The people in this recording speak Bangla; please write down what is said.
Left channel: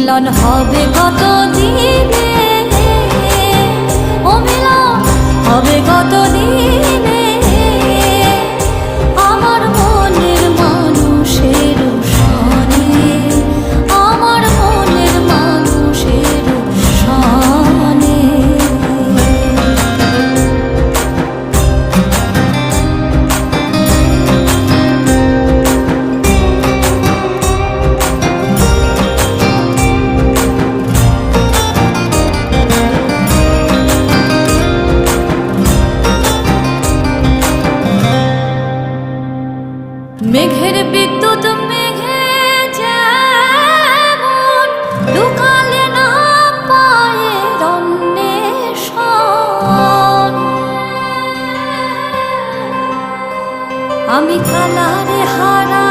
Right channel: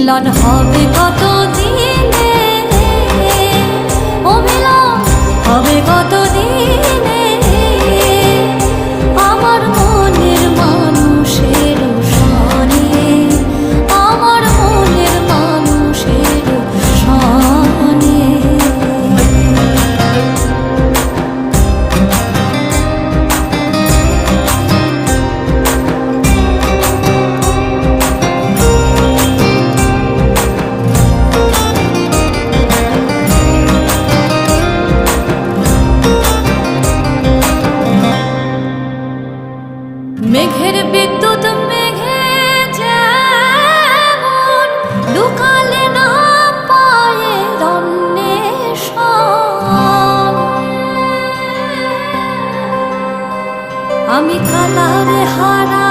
মিলন হবে কত দিনে, ও মিলন হবে কত দিনে, আমার মনের মানুষের সনে, আমার মনের মানুষের সনে। মেঘের বিদ্যুৎ মেঘে যেমন লুকালে না পায়ের অন্বেষণ, আমি কালারে হারা